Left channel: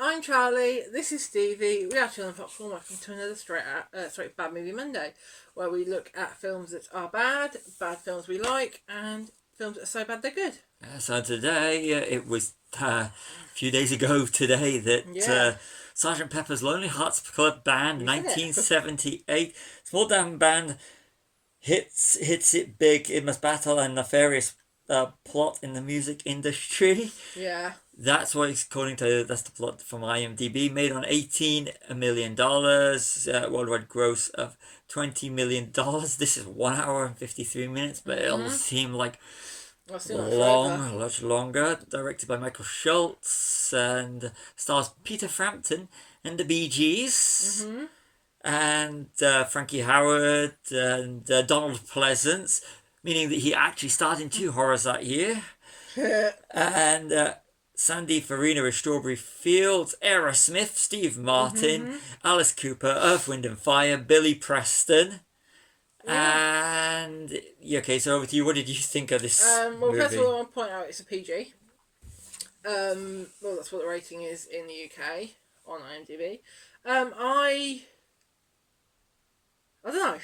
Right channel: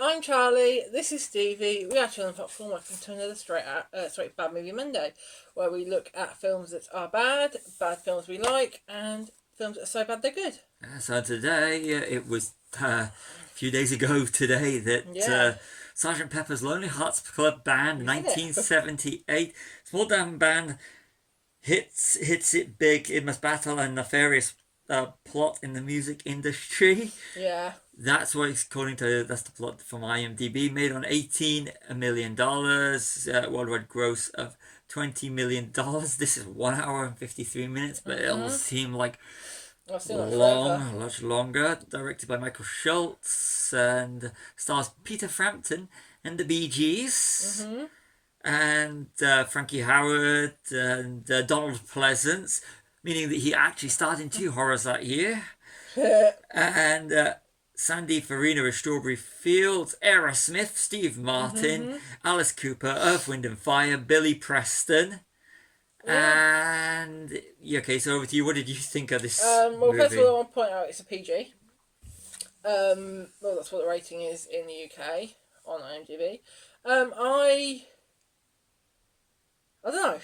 I'm Charlie. This is Stevie. We are Children Popcorn. Welcome to another Bad Movie Monday, where we look at films that are bad films we like, and films that are so bad they're good. So today, it was a few days ago today that Sgt. Pepper's Lonely Hearts Club Band, 1978, small town band, hits it big. It must battle a nefarious plot in the music industry. Yeah. That's the plot from IMDb. Made on $18 million, worldwide gross of $20 million. This is 1 hour and 53 minutes, but it'll seem like much longer. Directed by Michael Schultz and stars Peter Frampton and the Bee Gees. And Frankie Howerd and Donald Pleasance, meaning that he actually starred in 2 horrors that year. And Sandy Farina of Strawberry Fields, Aerosmith, Steve Martin, Alice Cooper, Earth, Wind and Fire, Billy Preston. And okay, so over to you. What did you think of this movie? First of all, I want to point out it's a PG. That's what the rating is in the UK on IMDb. I don't know.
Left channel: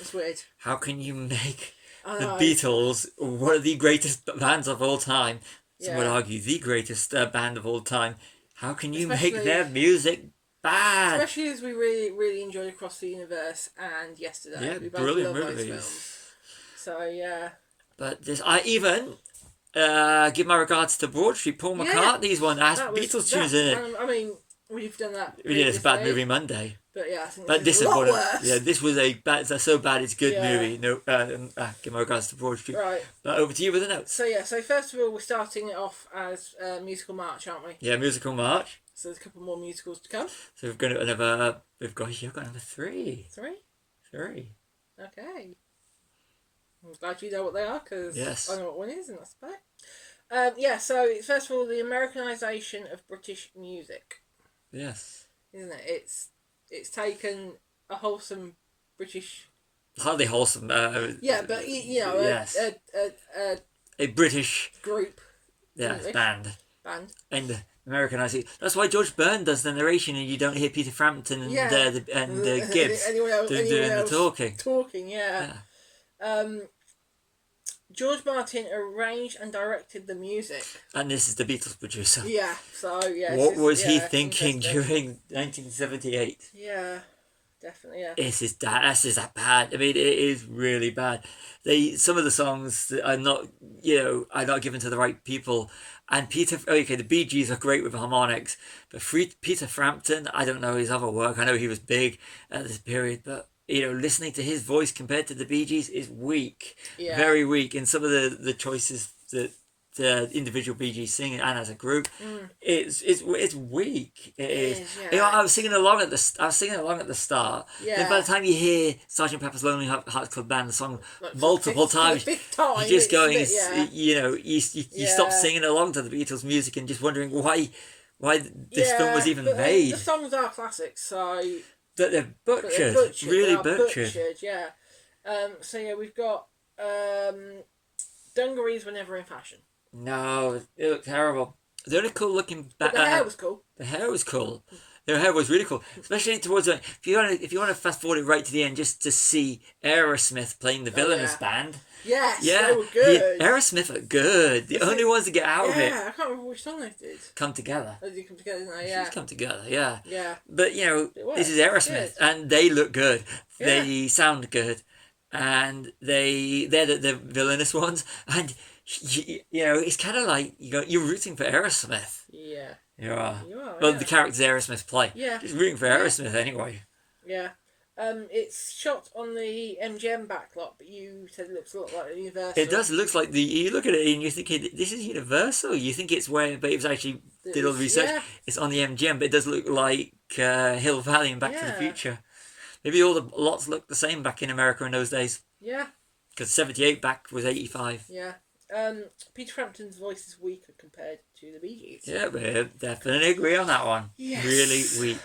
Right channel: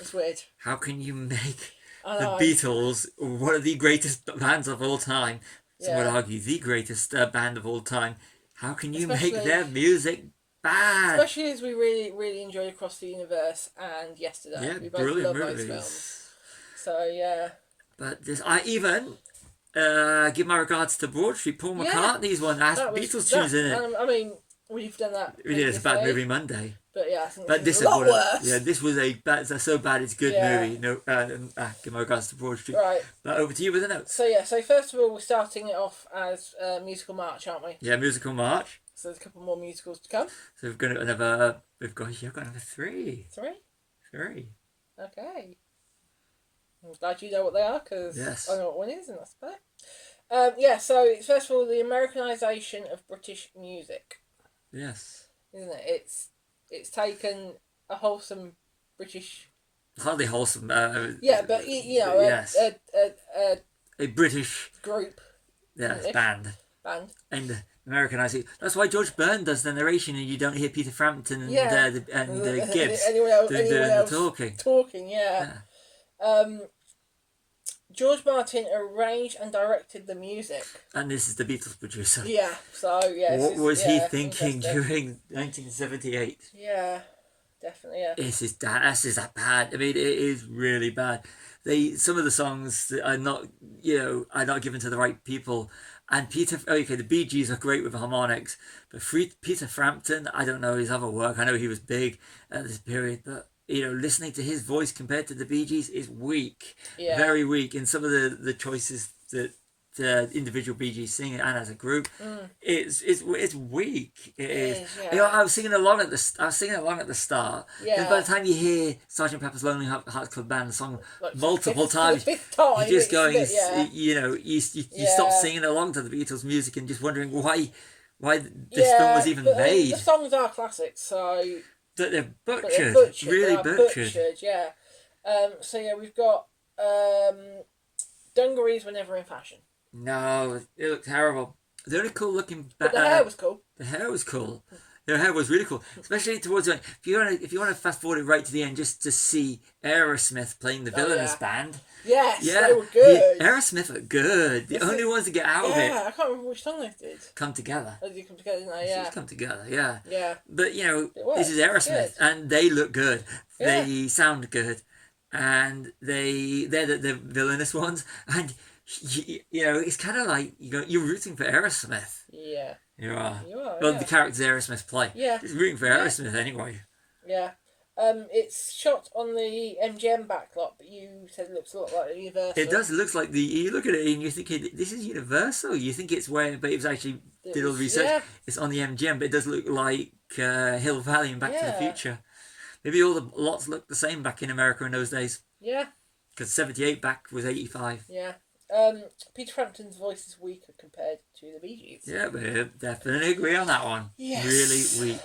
It's weird. How can you make the Beatles one of the greatest bands of all time? Some would argue the greatest band of all time. How can you make their music bad? Especially as we really, really enjoyed Across the Universe and Yesterday. Yeah, we both brilliant love movies. Those films. So yeah. But I even give my regards to Broad Street. Paul McCartney's one has Beatles tunes in it. I mean, we've done that. We did. It's a Bad Movie Monday. But yeah, I think this is a lot worse. Yeah, this was so bad it's good movie. No, give my regards to Broad Street. Right. But over to you with the notes. So first of all, we're starting it off as a musical march, aren't we? Yeah, musical march. So there's a couple more musicals to come. So we've got another 3. 3? 3. Okay. I'm glad you know what they are, because I know what one is, and that's about it. So first of all, the Americanization of British music. Yes. Isn't it? It's taken a wholesome British... Hardly wholesome. but yes. A British... group. Yes, band. And Americanized. That's why George Byrne does the narration, and you don't hear Peter Frampton and Gibbs doing the talking. George Martin arranged and directed the music. And this is the Beatles producer. Yeah, so yeah. What was he thinking during 1978? Yeah, definitely, yeah. This is that bad. I mean, it is really bad. Some of the songs are not given to the right people. And the Bee Gees are great with harmonics, but Peter Frampton, I don't know his other work. I know he was big at this period, but listening to his voice compared to the Bee Gees is weak, very weak. And some of the choices that the individual Bee Gees sing and as a group, it's weak. It is. Yeah. I was singing along at the start. Yeah. And by the time you hear Sgt. Pepper's Lonely Hearts Club Band, the song multiple times, you're just going, you stop singing along to the Beatles music and just wondering why this film was even made. The songs are classics, so. That they're butchered, really butchered. Yeah. We've got dungarees were never in fashion. No, it looked terrible. The only cool looking the hair was cool. The hair was cool. Their hair was really cool, especially towards the end. If you want to fast forward it right to the end, just to see Aerosmith playing the villainous band. Yes, they were good. Aerosmith are good. The only ones to get out of it. Yeah, I can't remember which song they did. Come Together. Oh, did you Come Together now? Yeah. Come Together, yeah. Yeah. But, this is Aerosmith, and they look good. Yeah. They sound good. And they're the villainous ones. And, it's kind of like you're rooting for Aerosmith. Yeah. You are. Well, the characters Aerosmith play. Yeah. Just rooting for Aerosmith anyway. Yeah. It's shot on the MGM backlot, but you said it looks a lot like Universal. It does. It looks like you look at it and you think this is Universal. You think it's where, but it was actually did all the research. Yeah. It's on the MGM, but it does look like Hill Valley and Back to the Future. Maybe all the lots looked the same back in America in those days. Yeah. Because 78 back was 85. Yeah. Peter Frampton's voice is weaker compared to the Bee Gees. Yeah, we definitely agree on that one. Yes. Really weak.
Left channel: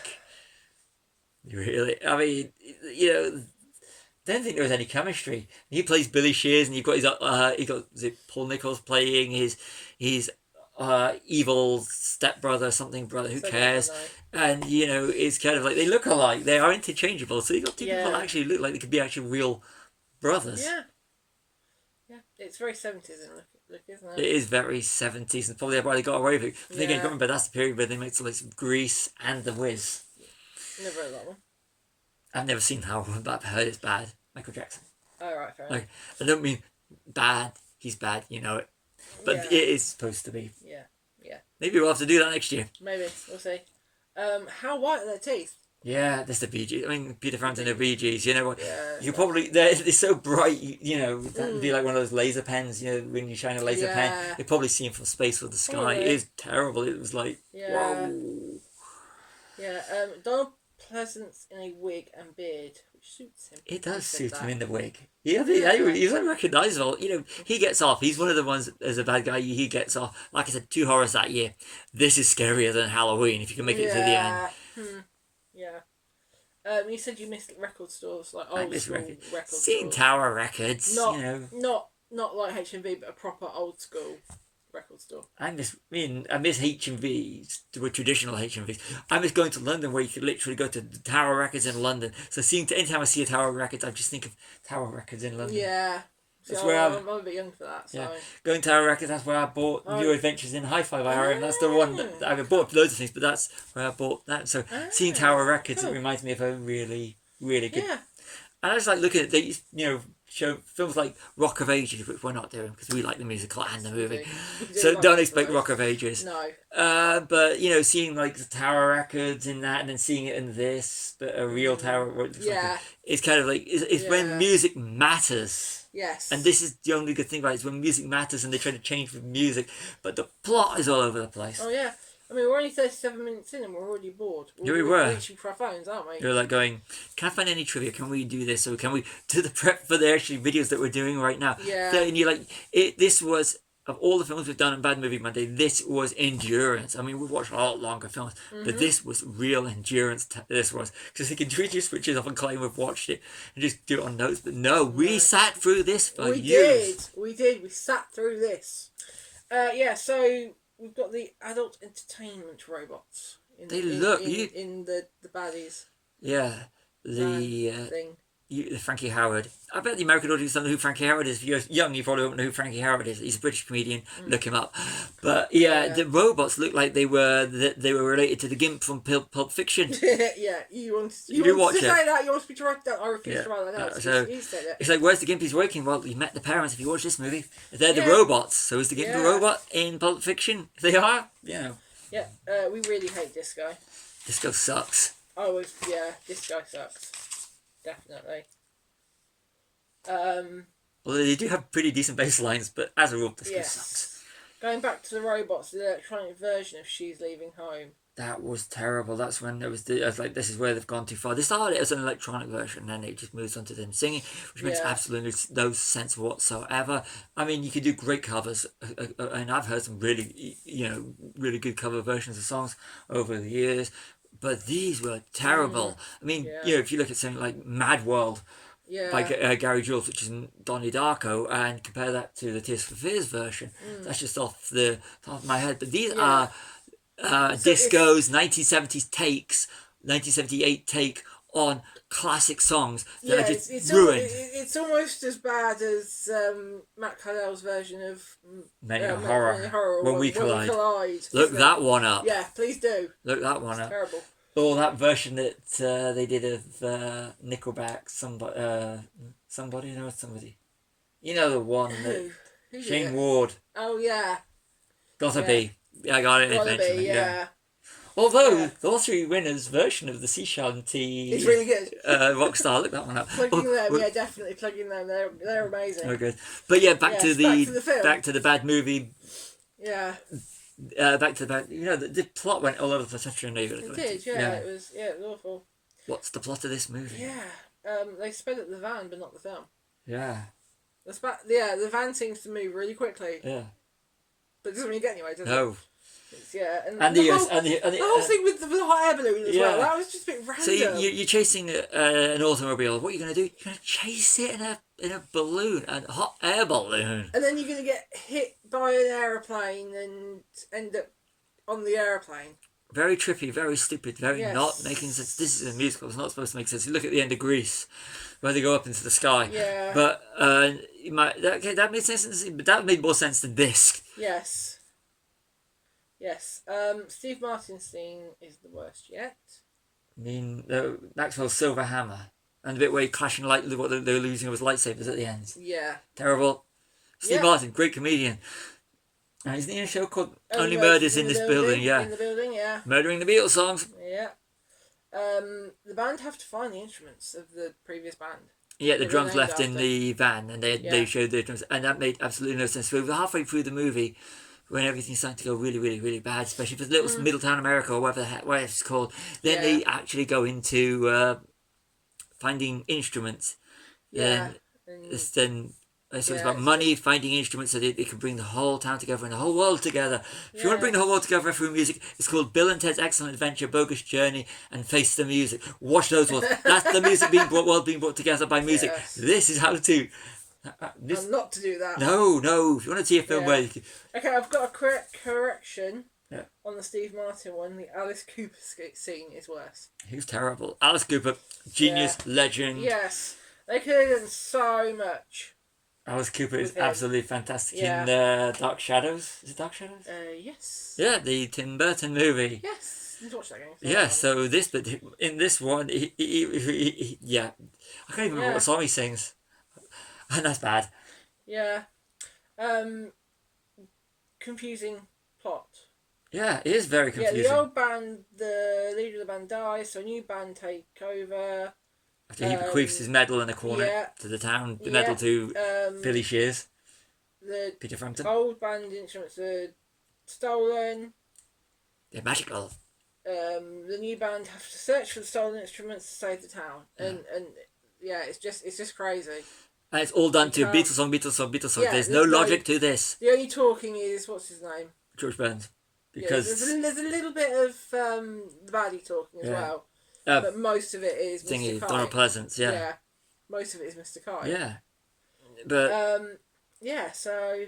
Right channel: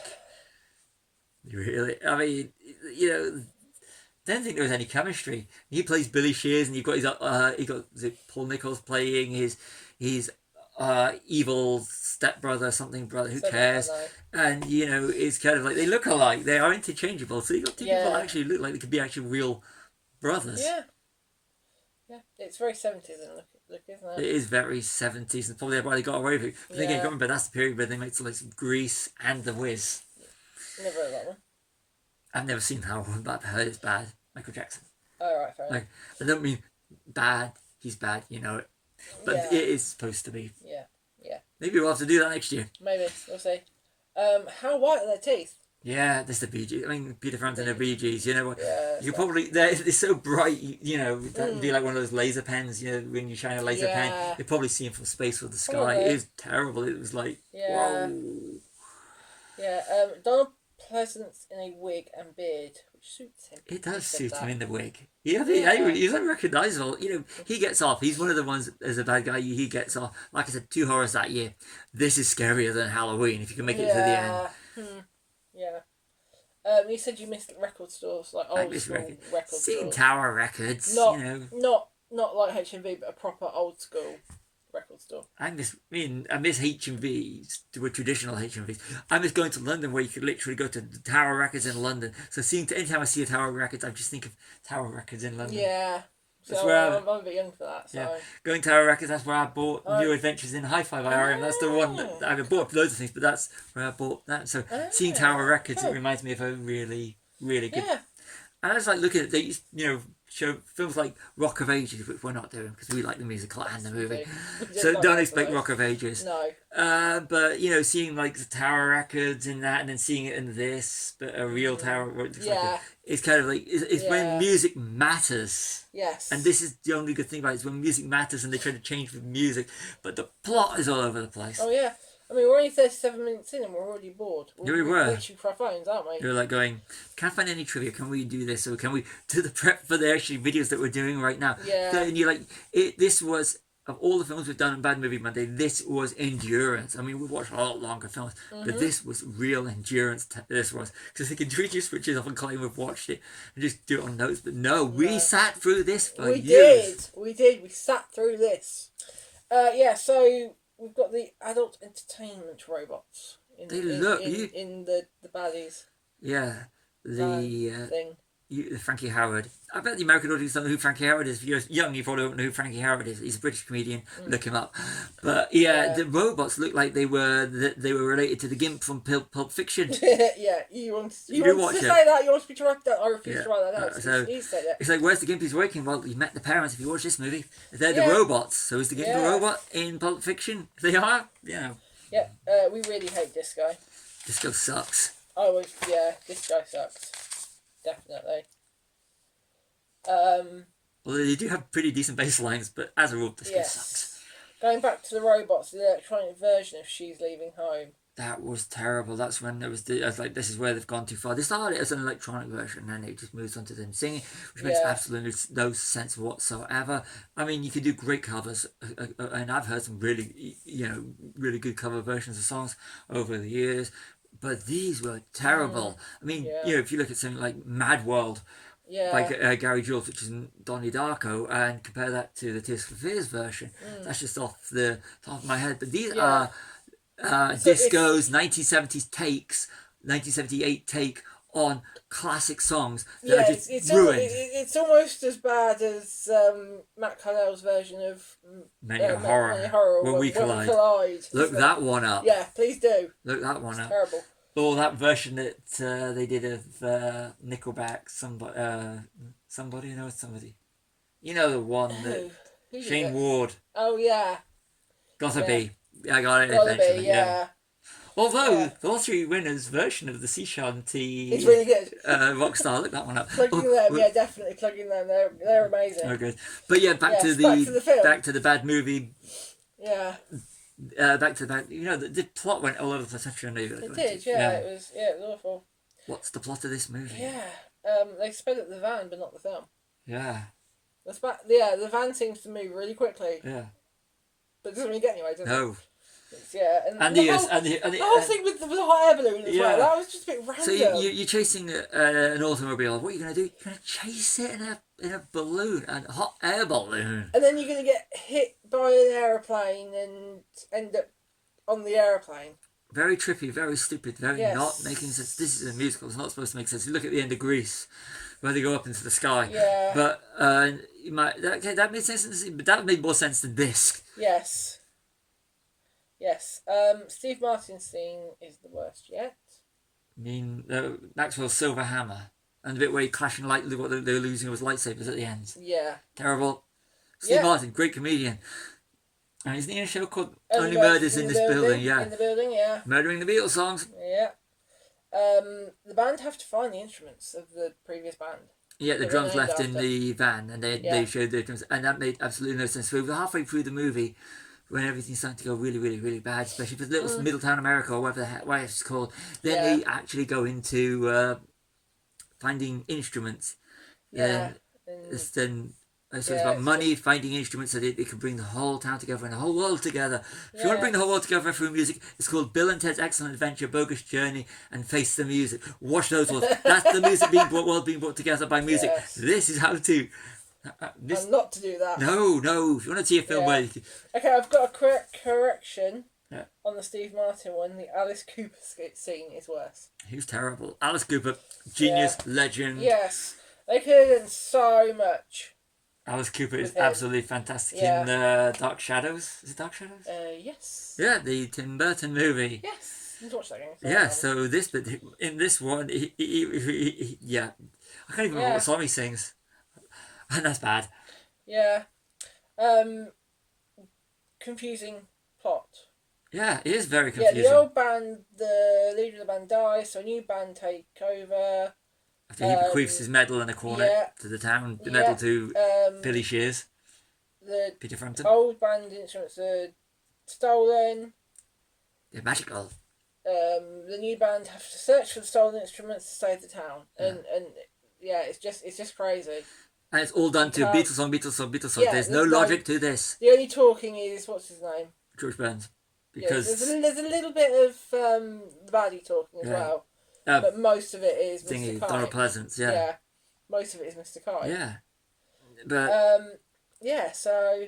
Really, I mean, don't think there was any chemistry. He plays Billy Shears, and you've got Paul Nichols playing his evil stepbrother, something brother, who So cares? I know. And it's kind of like they look alike. They are interchangeable. So you got two people Yeah. that actually look like they could be actually real brothers. Yeah. Yeah. It's very 70s in look, isn't It it? is very 70s, and probably why they got away with it. But then again, Yeah. remember that's the period where they made like some Grease and The Wiz. Never heard that one. I've never seen how but I've heard it's bad. Michael Jackson. Oh, right, fair enough. Like, I don't mean bad. He's bad, you know it. But Yeah. it is supposed to be. Yeah. Maybe we'll have to do that next year. Maybe. We'll see. How white are their teeth? Yeah, that's the Bee Gees. I mean, Peter Frampton and the Bee Gees. You know what? Yeah. You probably they're so bright. That would be like one of those laser pens. When you shine a laser pen, Yeah. you probably see him from space or the sky. Probably. It is terrible. It was like Yeah. whoa. Yeah. Donald Pleasance in a wig and beard, which suits him. It does He said suit that. him in the wig. Yeah, Yeah. he's unrecognisable. He gets off. He's one of the ones as a bad guy. He gets off. Like I said, 2 horrors that year. This is scarier than Halloween if you can make it to the end. Yeah. You said you missed record stores, like I old miss school record. record Seeing stores. Tower Records. Not like HMV, but a proper old school record store. I miss HMVs, the traditional HMVs. I miss going to London where you could literally go to the Tower Records in London. So anytime I see a Tower Records, I just think of Tower Records in London. Yeah. That's So where I'm a bit young for that. So. Yeah. Going to Tower Records, that's where I bought New Adventures in Hi-Fi RM. That's the one that I bought loads of things, but that's where I bought that. So seeing Tower Records, it reminds me of a really, really good. Yeah. And I just like looking at these, show films like Rock of Ages, which we're not doing because we like the musical and the movie. So don't expect Rock of Ages. No. But seeing like the Tower Records in that, and then seeing it in this, but a real Tower. It's kind of like it's when music matters. Yes. And this is the only good thing about it, is when music matters and they try to change with music, but the plot is all over the place. Oh yeah. I mean, we're only 37 minutes in and we're already bored. Yeah, we were. Reaching for our phones, aren't we? You're like going, can I find any trivia? Can we do this? Or can we do the prep for the actually videos that we're doing right now? Yeah. So, and you're like, this was, of all the films we've done on Bad Movie Monday, this was endurance. I mean, we've watched a lot longer films, but this was real endurance. This was. Because we can just switch it off and claim we've watched it and just do it on notes. But no, we sat through this for years. We did. We sat through this. So we've got the adult entertainment robots. In the baddies. Yeah. The thing. Frankie Howard. I bet the American audience don't know who Frankie Howard is. If you're young, you probably don't know who Frankie Howard is. He's a British comedian. Look him up. But the robots look like they were related to the Gimp from Pulp Fiction. Yeah, you want to say that? You want me to write that? I refuse to write that down. It's like, where's the Gimp he's working? Well, you met the parents if you watch this movie. They're the robots. So is the Gimp a robot in Pulp Fiction? They are. Yeah. We really hate Disco. Disco sucks. Disco sucks. Definitely. Although they do have pretty decent bass lines, but as a rule, Disco sucks. Going back to the robots, the electronic version of She's Leaving Home. That was terrible. That's when I was like, this is where they've gone too far. They started as an electronic version, and then it just moves on to then singing, which makes absolutely no sense whatsoever. I mean, you can do great covers, and I've heard some really, really good cover versions of songs over the years, but these were terrible. I mean, if you look at something like Mad World, by Gary Jules, which is Donnie Darko, and compare that to the Tears for Fears version, that's just off the top of my head. But these are Disco's 1970s takes, 1978 take on classic songs that are just ruined. It's almost as bad as Matt Callell's version of Many a Horror, When We Collide. Look that one up. Yeah, please do. Look that one up. Terrible. Or that version that they did of Nickelback, somebody. You know the one that Shane Ward. Oh yeah. Gotta be. Yeah, I got it eventually. Yeah. Although the lottery winner's version of the sea shanty is really good. Rockstar, look that one up. Plugging them, definitely plugging them. They're amazing. Very good. But back to the film. Back to the bad movie. Yeah. Back to the bad. The plot went all over the place. I'm sure I know you're going to go It did. Yeah. It was awful. What's the plot of this movie? Yeah. They sped up the van, but not the film. Yeah. The van seems to move really quickly. Yeah. But it doesn't really get anywhere, does it? No. Yeah, And the the whole, the whole thing with the hot air balloon as well. That was just a bit random. So you're chasing an automobile. What are you going to do? You're going to chase it in a balloon, a hot air balloon. And then you're going to get hit by an aeroplane and end up on the aeroplane. Very trippy, very stupid, very not making sense. This is a musical. It's not supposed to make sense. You look at the end of Grease, where they go up into the sky. Yeah. But that made sense. But that made more sense than this. Yes. Yes. Steve Martin's theme is the worst yet. I mean, Maxwell's Silver Hammer, and the bit where he clashing what they were losing was lightsabers at the end. Yeah. Terrible. Steve Martin, great comedian. And isn't he in a show called Only Murders in This Building? Yeah. In the building, yeah. Murdering the Beatles songs. Yeah. The band have to find the instruments of the previous band. Yeah, the drums left in the van, and they showed the drums, and that made absolutely no sense. We were halfway through the movie when everything's starting to go really, really, really bad, especially for little Middletown America or whatever it's called. Then they actually go into finding instruments. Then so it's about money, finding instruments so they can bring the whole town together and the whole world together. If you want to bring the whole world together through music, it's called Bill and Ted's Excellent Adventure, Bogus Journey, and Face the Music. Watch those worlds. That's the music world being brought together by music. Yes. This is how to... and not to do that. No. If you want to see a film where... Okay, I've got a correction on the Steve Martin one. The Alice Cooper scene is worse. He was terrible. Alice Cooper, genius, legend. Yes. They could have done so much. Alice Cooper is absolutely fantastic in Dark Shadows. Is it Dark Shadows? Yes. Yeah, the Tim Burton movie. Yes. You watch that game. Yeah, so in this one, I can't even remember what song he sings. And that's bad. Yeah. Confusing plot. Yeah, it is very confusing. Yeah, the old band, the leader of the band dies, so a new band take over. After he bequeaths his medal in a corner to the town, the medal to Billy Shears, Peter Frampton. Old band instruments are stolen. They're magical. The new band have to search for the stolen instruments to save the town, and it's just crazy. And it's all done to Beatles song. Yeah, there's no logic to this. The only talking is what's his name? George Burns, because there's a little bit of the baddie talking as well. But most of it is Mr. Kite. Donald Pleasance, Yeah, most of it is Mr. Kite. Yeah, but so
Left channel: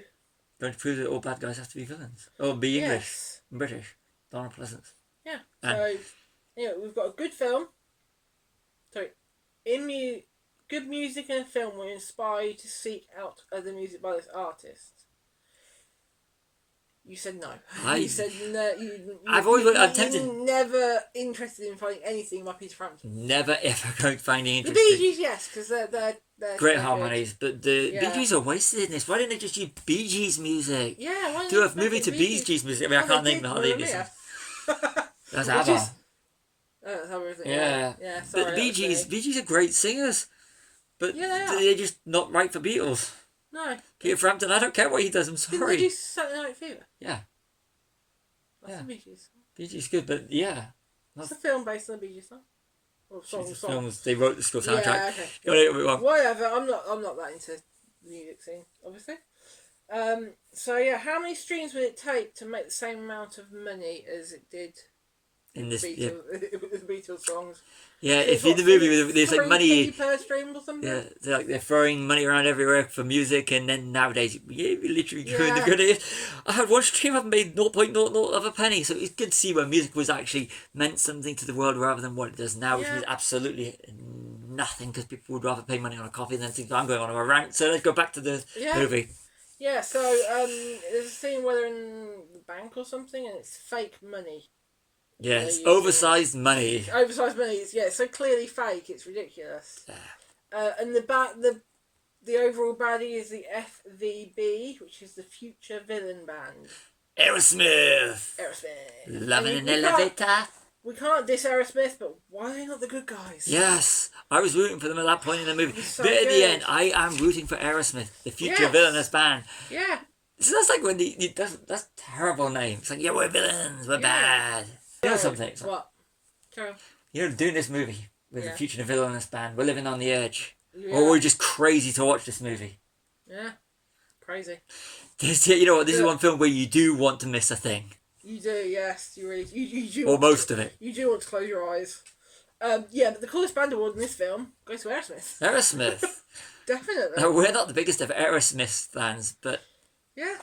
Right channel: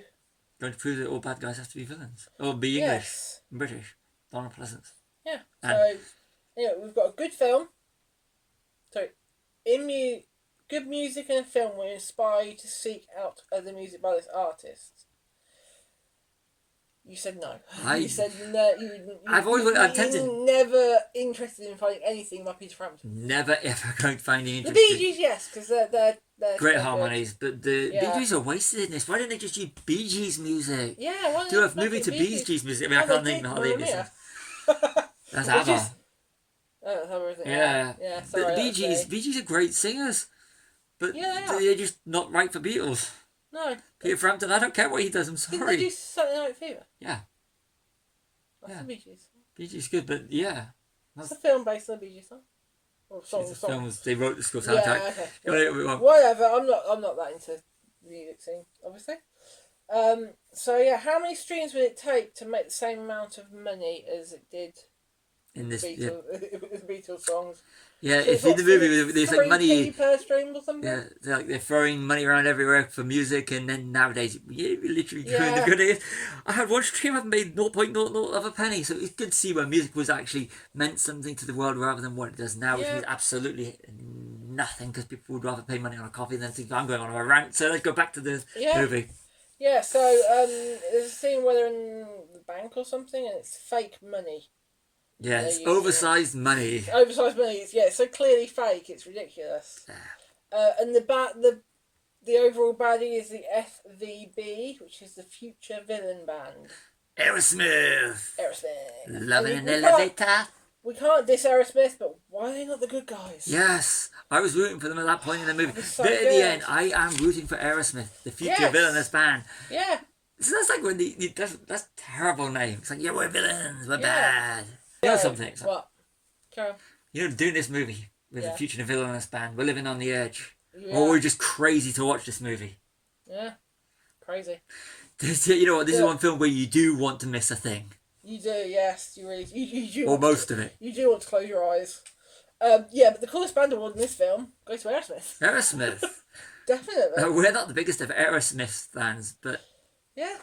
don't prove that all bad guys have to be villains or be English, British. Donald Pleasance. Yeah. So we've got a good film. So good music and a film will inspire you to seek out other music by this artist. You said no. You said no. I'm tempted. You're never interested in finding anything by Peter Frampton. Never ever going to find anything. The Bee Gees, yes, because they're great harmonies. But the Bee Gees are wasted in this. Why didn't they just use Bee Gees music? Yeah, do a movie to Bee Gees music. I mean, I can't name the hardly any. That's ABBA. That's everything. Yeah. Sorry, but the Bee Gees are great singers, but they're just not right for Beatles. No. Peter Frampton, I don't care what he does, I'm sorry. Did you do Saturday Night Fever? Yeah. That's the Bee Gees. Bee Gees good, but yeah. That's a film based on the Bee Gees song. Or song. Films, they wrote the school soundtrack. Yeah, okay. Whatever, I'm not that into the music scene, obviously. How many streams would it take to make the same amount of money as it did in this the Beatles songs? Yeah, if in the movie there's like money per stream or something. Yeah, they're throwing money around everywhere for music, and then nowadays you literally I had one stream I've made 0.00 of a penny, so it's good to see where music was actually meant something to the world rather than what it does now, which means absolutely nothing because people would rather pay money on a coffee than think I'm going on a rant. So let's go back to the movie. Yeah, so there's a scene where they're in the bank or something, and it's fake money. Yeah, it's oversized money. Oversized money. It's so clearly fake. It's ridiculous. And the overall baddie is the FVB, which is the Future Villain Band. Aerosmith. Loving an elevator. We can't diss Aerosmith, but why are they not the good guys? Yes, I was rooting for them at that point in the movie. But at the end, I am rooting for Aerosmith, the Future Villainous Band. Yeah. So that's like when that's a terrible name. It's like, we're villains, we're bad. You know something? What? Carry on. You know, doing this movie with the Future Villainous Band, we're living on the edge. Yeah. Or we're just crazy to watch this movie. Yeah. Crazy. You know what? This is one film where you do want to miss a thing. You do, yes. You really you do. or most of it. You do want to close your eyes. Yeah, but the coolest band award in this film goes to Aerosmith. Aerosmith. Definitely. We're not the biggest of Aerosmith fans, but Yeah,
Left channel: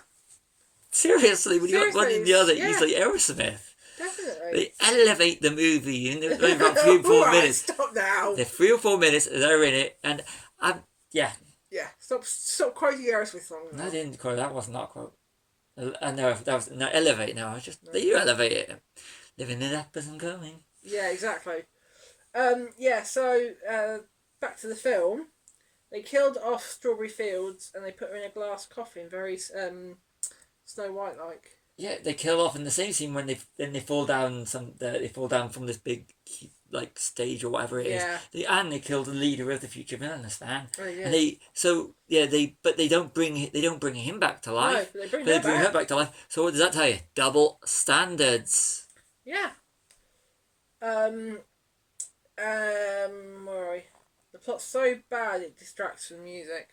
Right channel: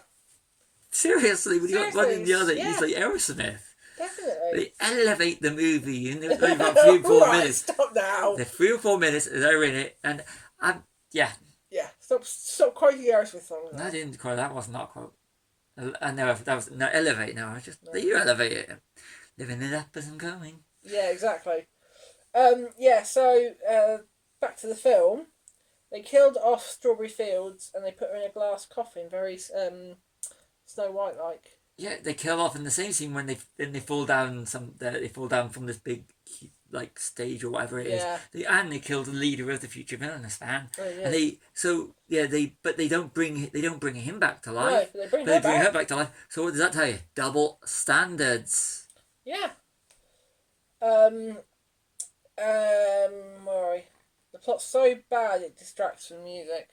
seriously, when you got one in the other, Seriously, it's like Aerosmith. definitely. They elevate the movie in about 3 or 4 Right, minutes. Stop now. They're 3 or 4 minutes, they're in it, and yeah. Yeah, stop quoting Aerosmith songs. No, I didn't quote that. Was not a quote. I know that was no elevate. No, I just you elevate it. Living it up as I'm going. Yeah, exactly. Yeah, so back to the film. They killed off Strawberry Fields and they put her in a glass coffin, very Snow White like. Yeah, they kill off in the same scene when they fall down they fall down from this big like stage or whatever it is. Yeah. They killed the leader of the future villainous band. Oh, yeah. And they don't bring him back to life. No, but they bring her back to life. So what does that tell you? Double standards. Yeah. Where are we? The plot's so bad it distracts from music.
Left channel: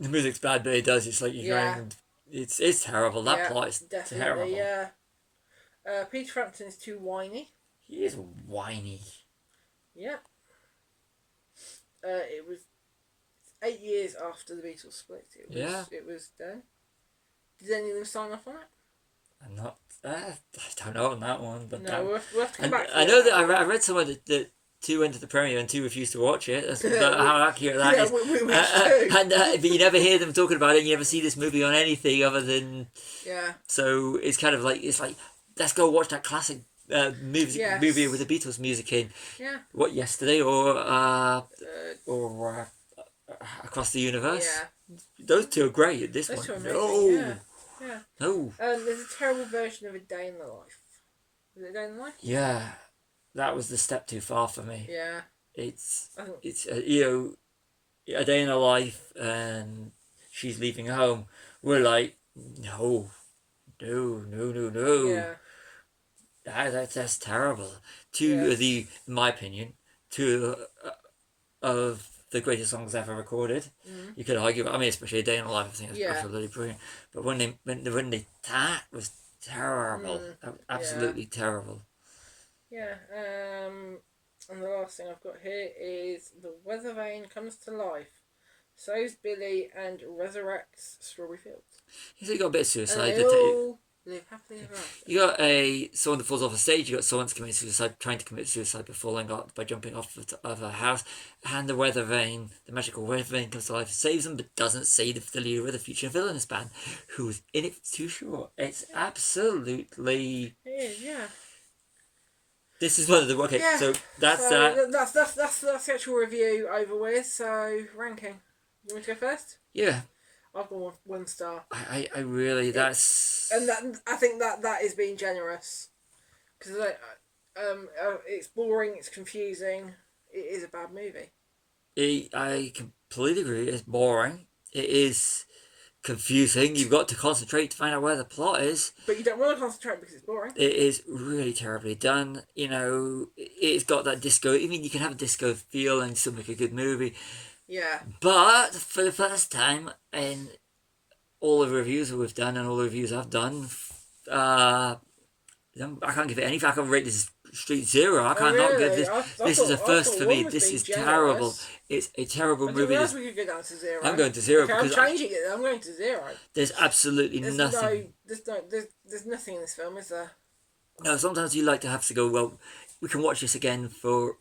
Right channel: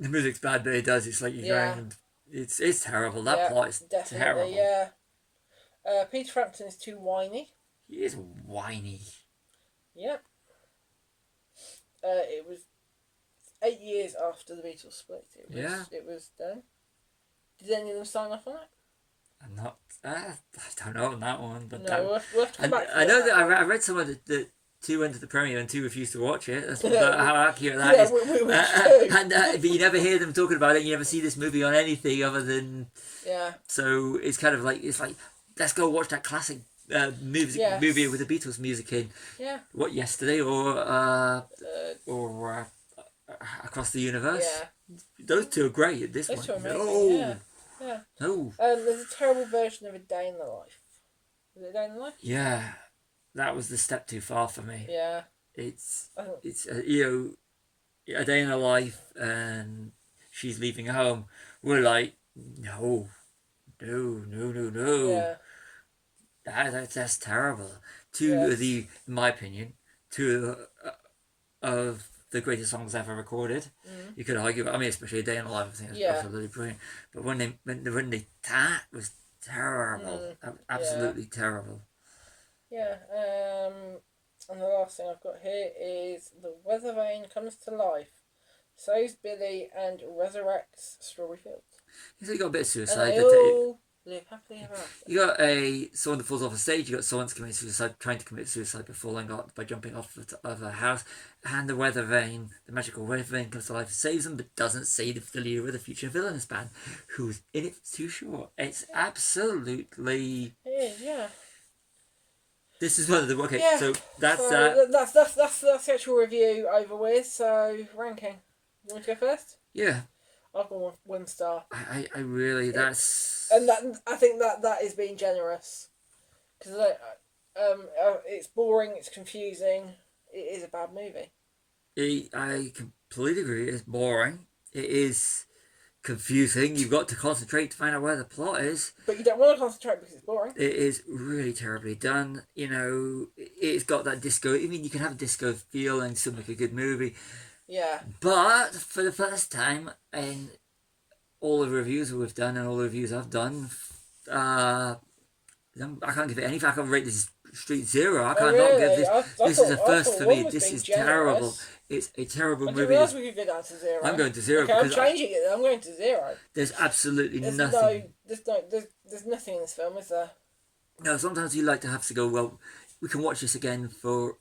The music's bad, but it does. It's like you're going. It's terrible. That plot is terrible. Yeah. Peter Frampton is too whiny. He is whiny. Yeah. It was 8 years after the Beatles split. It was done. Did any of them sign off on it? I'm not. I don't know on that one, but no, we'll have to come back to I know that I read somewhere that 2 went to the premiere and 2 refused to watch it. That's how accurate that is. But you never hear them talking about it. And you never see this movie on anything other than. Yeah. So it's kind of like let's go watch that classic movie with the Beatles music in. Yeah. What, yesterday or Across the Universe? Yeah. Those 2 are great. This Those one, 2 are no. amazing. Yeah. No. There's a terrible version of A Day in the Life. Is it A Day in the Life? Yeah, that was the step too far for me. Yeah. It's A Day in Her Life and she's leaving home. We're like, no. Yeah. That's terrible. 2 of the, in my opinion, 2 of the greatest songs ever recorded. Mm. You could argue, I mean, especially A Day in the Life, I think it's absolutely brilliant. But when they that was terrible, absolutely terrible. Yeah. And the last thing I've got here is the weather vane comes to life, saves Billy and resurrects Strawberry Fields. So you got a bit of suicide. And they all live happily ever after. You got someone that falls off a stage. You got someone that's committing suicide, trying to commit suicide by jumping off of a house. And the weather vane, the magical weather vane, comes to life, saves them, but doesn't save the leader of the future villainous band, who's in it for too short. It's absolutely. It is, yeah. This is one of the So that's that. That's the actual review over with. So ranking. You want to go first? Yeah. I've got 1 star. I really that's. And I think that is being generous, because it's boring, it's confusing, it is a bad movie. I completely agree. It's boring. It is confusing. You've got to concentrate to find out where the plot is. But you don't want to concentrate because it's boring. It is really terribly done. You know, it's got that disco. I mean, you can have a disco feel and still make a good movie. Yeah. But for the first time in all the reviews that we've done and all the reviews I've done, I can't give it any. I can't rate this straight 0. I can't not give this. This is a first for me. This is terrible. It's a terrible movie. We could go down to 0. I'm going to 0 because I'm changing it. I'm going to 0. There's absolutely nothing. There's nothing in this film, is there? No. Sometimes you like to have to go. Well, we can watch this again for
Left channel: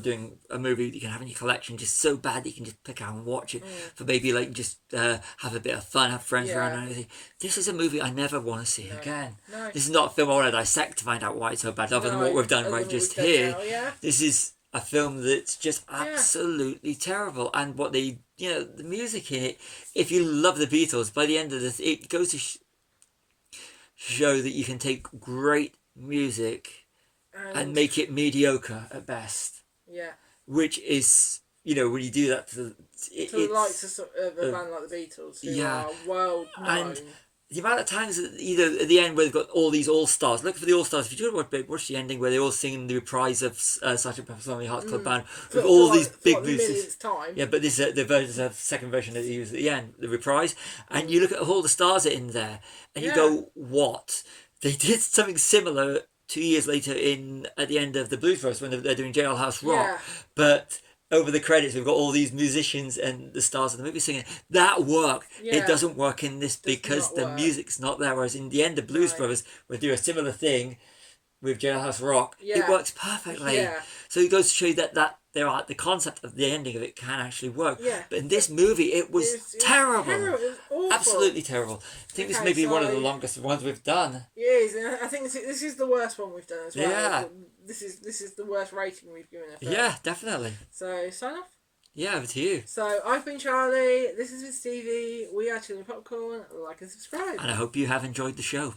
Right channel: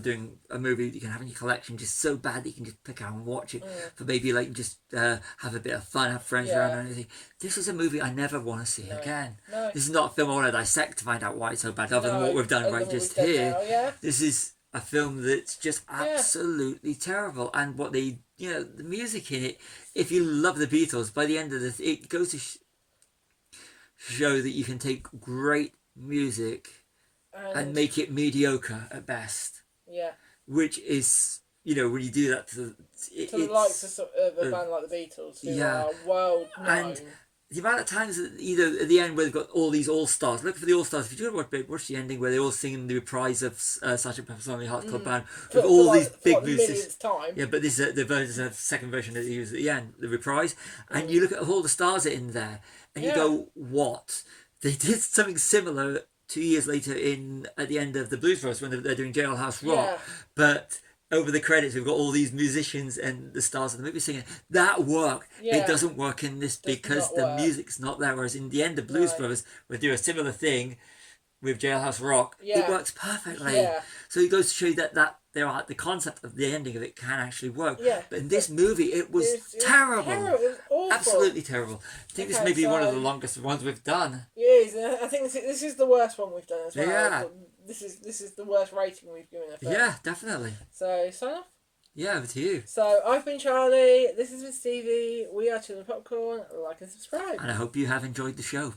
doing a movie that you can have in your collection, just so bad that you can just pick out and watch it for maybe like just have a bit of fun, have friends around or anything. This is a movie I never want to see again. No. This is not a film I want to dissect to find out why it's so bad, other than what we've done right just here. This is a film that's just absolutely terrible, and what the music in it. If you love the Beatles, by the end of this, it goes to show that you can take great music and make it mediocre at best. Yeah. Which is, when you do that to the likes of a band like the Beatles, who are well known. And the amount of times that, at the end where they've got all these all-stars, look for the all-stars. If you do watch the ending where they all sing the reprise of Sgt. Pepper's Lonely Hearts Club Band with all these big moves. Yeah, but this is the second version that they use at the end, the reprise. And you look at all the stars in there and you go, what? They did something similar 2 years later at the end of the Blues Brothers when they're doing Jailhouse Rock, Yeah. but over the credits we've got all these musicians and the stars of the movie singing. That worked. Yeah. It doesn't work in this because not the work. music's not there. Whereas in the end of Blues Right. Brothers, we do a similar thing with Jailhouse Rock. Yeah. It works perfectly. Yeah. So it goes to show you that the concept of the ending of it can actually work. Yeah. But in this movie, it was terrible. It was awful. Absolutely terrible. I think this Okay, may be one of the so- longest ones we've done. It is. And I think this is the worst one we've done as well. Yeah. This is the worst rating we've given a film. Yeah, definitely. So sign off. Yeah, over to you. So I've been Charlie. This is Stevie. We are Children Popcorn. Like and subscribe. And I hope you have enjoyed the show.